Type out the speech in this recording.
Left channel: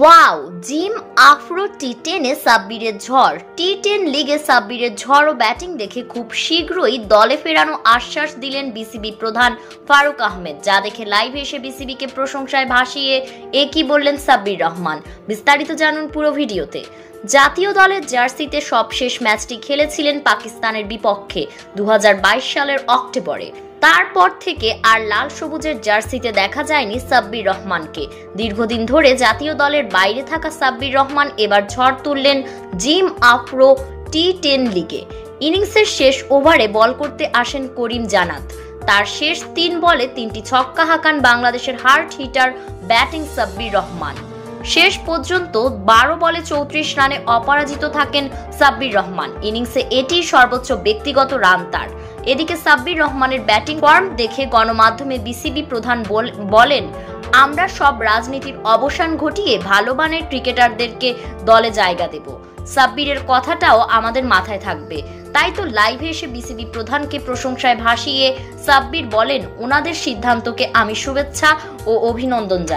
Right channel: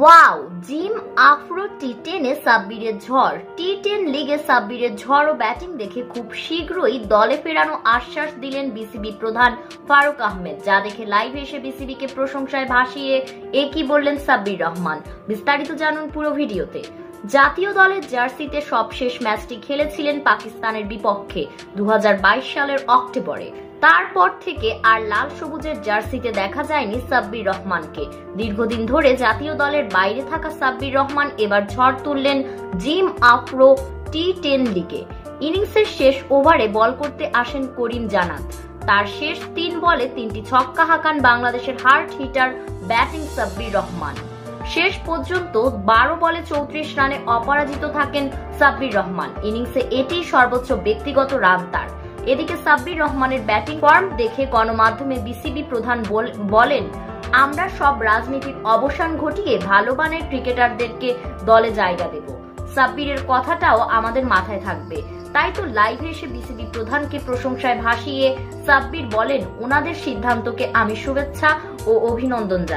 Wow, gym আফরো টি10-এ সাব্বিরের ঝড়। টি10 লিগে সাব্বিরের ঝড় ও ব্যাটিং দেখে খুব শীঘ্রই দলে ফেরানো আশ্বাস দিলেন বিসিবি প্রধান ফারুক আহমেদ, যা দেখে লাইভে এসে বিসিবিকে প্রশংসায় ভাসিয়ে একই বললেন সাব্বির রহমান। বিস্তারিত জানুন পুরো ভিডিওতে। জাতীয় দলের জার্সিতে সবশেষ ম্যাচটি খেলেছিলেন পাকিস্তানের বিপক্ষে 2022 সালের অক্টোবরে। তারপর থেকে আর লাল সবুজের জার্সিতে দেখা যায়নি সাব্বির রহমানকে। দীর্ঘদিন ধরে জাতীয় দলের বাইরে থাকা সাব্বির রহমান এবার ঝড় তুললেন জিম আফরো টি10 লিগে। ইনিংসের শেষ ওভারে বল করতে আসেন করিম জান্নাত। তার শেষ 3 বলে 3টি ছক্কা হাঁকান বাংলাদেশের hard hitter batting Sabbir Rahman. শেষ পর্যন্ত 12 বলে 34 রানে অপরাজিত থাকেন সাব্বির রহমান। ইনিংসে এটি সর্বোচ্চ ব্যক্তিগত রান তার। এদিকে সাব্বির রহমানের ব্যাটিং ফর্ম দেখে গণমাধ্যমে বিসিবি প্রধান বলেন, আমরা সব রাজনীতির অবসান ঘটিয়ে ভালো মানের ক্রিকেটারদেরকে দলে জায়গা দেব। সাব্বিরের কথাটাও আমাদের মাথায় থাকবে। তাই তো লাইভে এসে বিসিবি প্রধানকে প্রশংসায় ভাসিয়ে সাব্বির বলেন, ওনাদের সিদ্ধান্তকে আমি শুভেচ্ছা ও অভিনন্দন জানাই।